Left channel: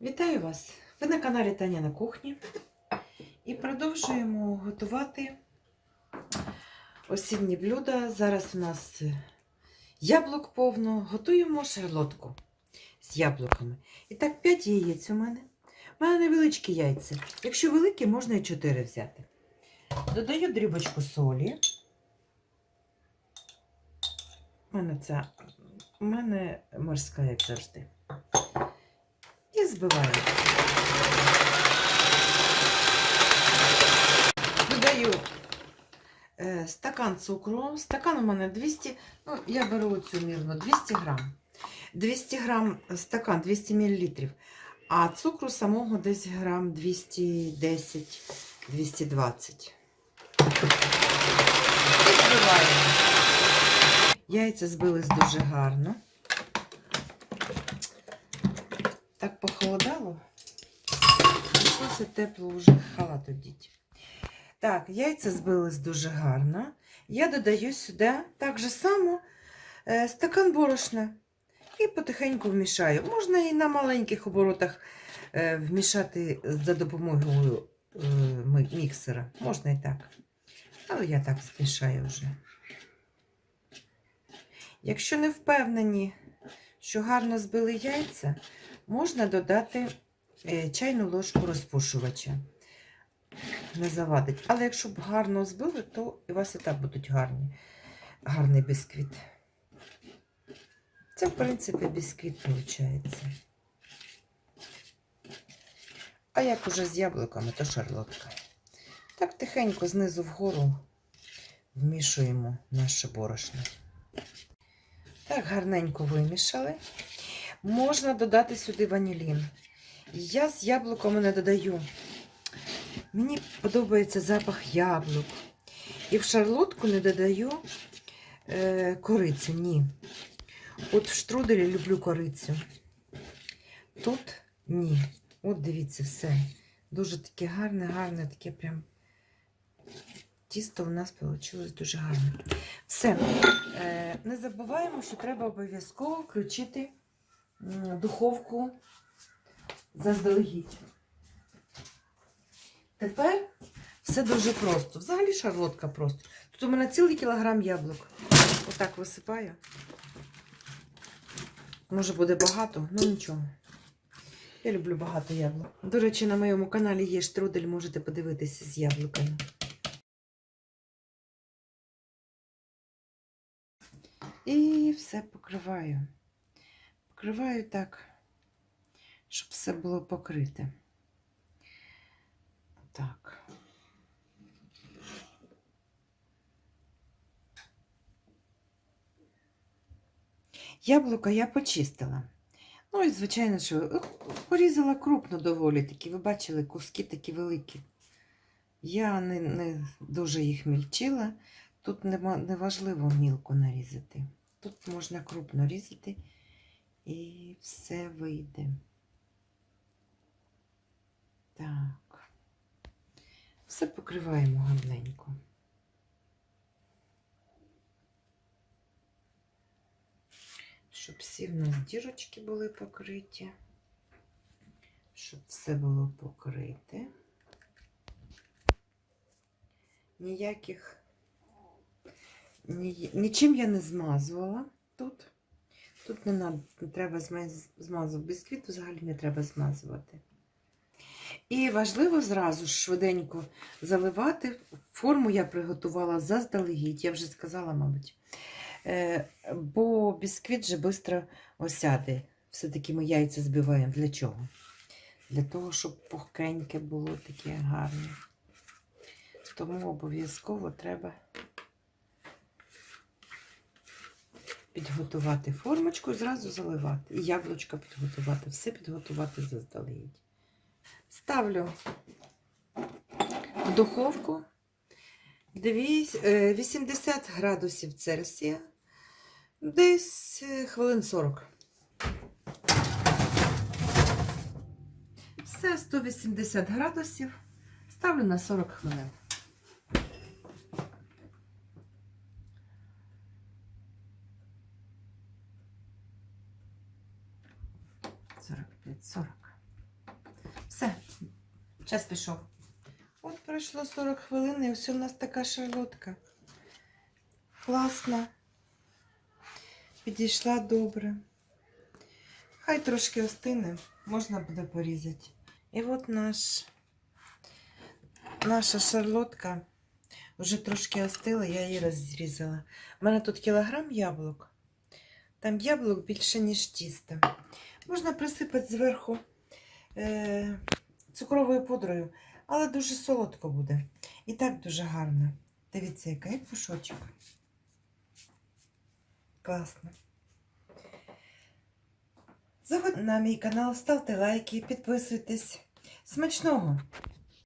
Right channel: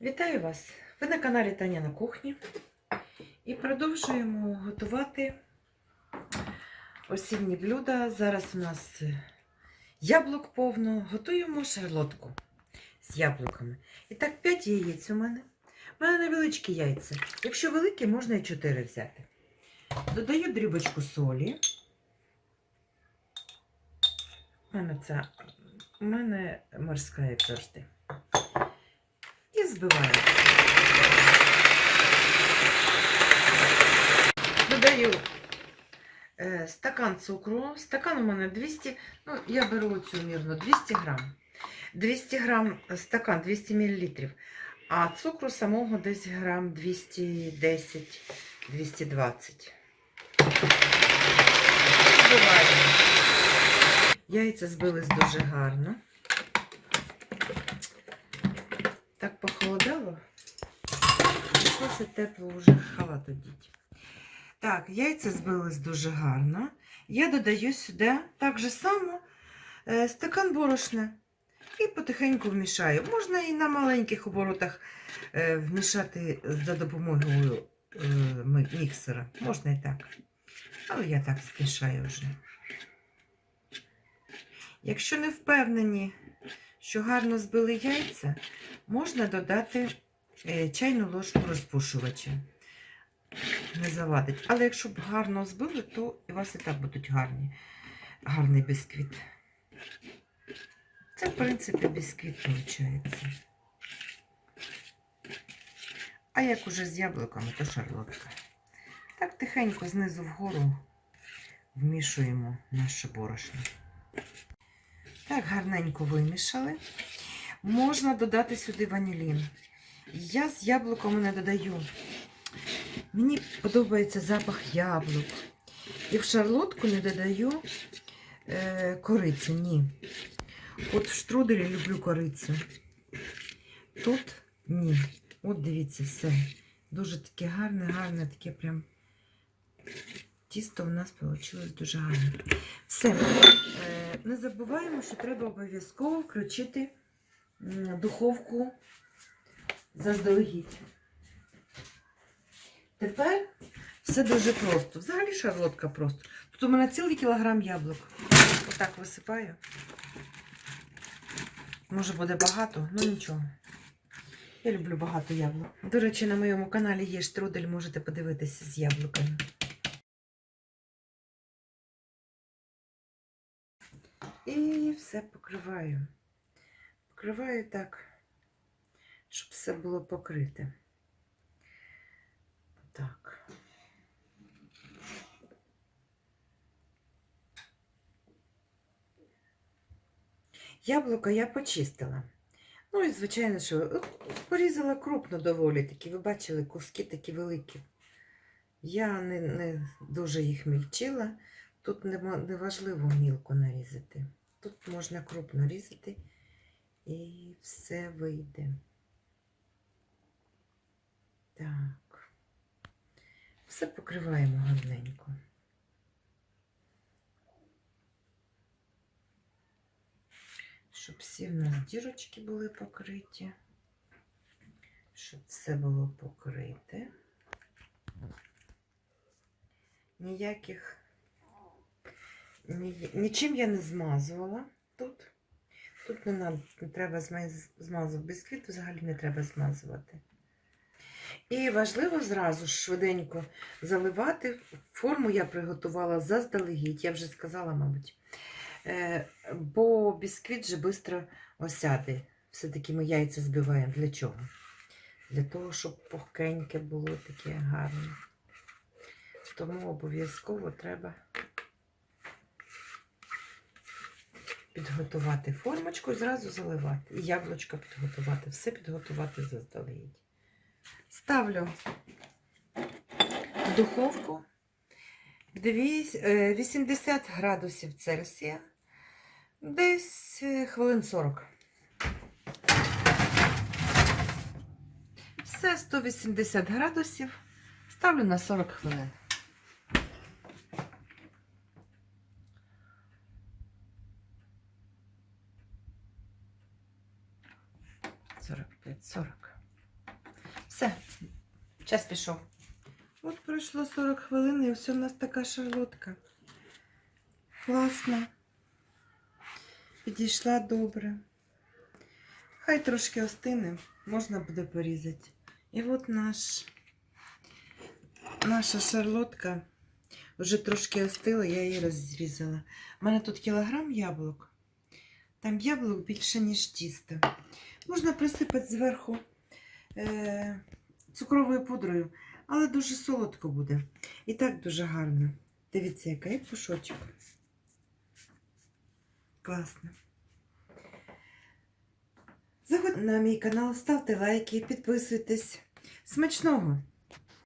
Вітаю вас! Ви на каналі Таня на кухні і продовжуємо готувати осінні блюда. Зараз у нас яблук повно. Готуємо шарлотку з яблуками. І так, 5 яєць у мене. У мене невеличкі яйця. Якщо великі, можна і 4 взяти. Додаю дрібочку солі. У мене ця у мене морська, як завжди. Збиваю. Додаю е, стакан цукру. Стакан у мене 200, ну, я беру цю мірну 200 грам. 200 грам стакан, 200 мл. А цукру самого десь грам 210-220. Збиваємо. Яйця збились дуже гарно. Так похолодало. Пішлося тепло вже халат одіть. Так, яйця збились дуже гарно. Я додаю сюди так же само е, стакан борошна і потихеньку вмішаю. Можна і на маленьких оборотах е, вмішати за допомогою е, міксера. Можна і так. Але я так змішаю вже. Якщо не впевнені, що гарно збили яйця, можна додати е, чайну ложку розпушувача. Не завадить. Але якщо б гарно збили, то у вас і так будуть гарні, гарний бісквіт. Це, в принципі, бісквіт виходить. А як уже з яблуками, то шарлотка. Так тихенько знизу вгору вмішуємо наше борошно. Так, гарненько вимішали. Можна додати сюди ванілін. Я з яблуками не додаю. Мені подобається запах яблук. І в шарлотку не додаю е, корицю, ні. От в штруделі люблю корицю. Тут ні. От дивіться, все. Дуже таке гарне, гарне, таке прям тісто у нас вийшло дуже гарне. Все. Е, не забуваємо, що треба обов'язково включити духовку заздалегідь. Тепер все дуже просто. Взагалі шарлотка просто. Тут у мене цілий кілограм яблук. Отак висипаю. Може буде багато, ну нічого. Я люблю багато яблук. До речі, на моєму каналі є штрудель, можете подивитися з яблуками. І все покриваю. Покриваю так, щоб все було покрите. Так. Яблука я почистила. Ну і, звичайно, що е, порізала крупно доволі такі. Ви бачили, куски такі великі. Я не, не дуже їх мільчила. Тут не важливо мілко нарізати. Тут можна крупно різати і все вийде. Так. Все покриваємо гарненько. Щоб всі в нас дірочки були покриті. Щоб все було покрите. Ніяких ні, нічим я не змазувала тут. Тут не, треба змазувати бісквіт, взагалі не треба змазувати. І важливо зразу ж швиденько заливати. Форму я приготувала заздалегідь, я вже сказала, мабуть. Е, бо бісквіт же швидко осяде. Все-таки ми яйця збиваємо. Для чого? Для того, щоб пухкеньке було таке гарне. Тому обов'язково треба підготувати формочку і зразу заливати. І яблучко підготувати. Все підготувати заздалегідь. Ставлю в духовку е, 80 градусів Цельсія. Десь е, хвилин 40. Все 180 градусів. Ставлю на 40 хвилин. Сорок п'ять, сорок. Все, час пішов. От пройшло 40 хвилин, і ось у нас така шарлотка. Класна. Підійшла добре. Хай трошки остине, можна буде порізати. І от наш, наша шарлотка вже трошки остила, я її розрізала. У мене тут кілограм яблук. Там яблук більше, ніж тіста. Можна присипати зверху е, цукровою пудрою, але дуже солодко буде. І так дуже гарно. Дивіться, яка є пушочок. Класно. Заходьте на мій канал, ставте лайки, підписуйтесь. Смачного!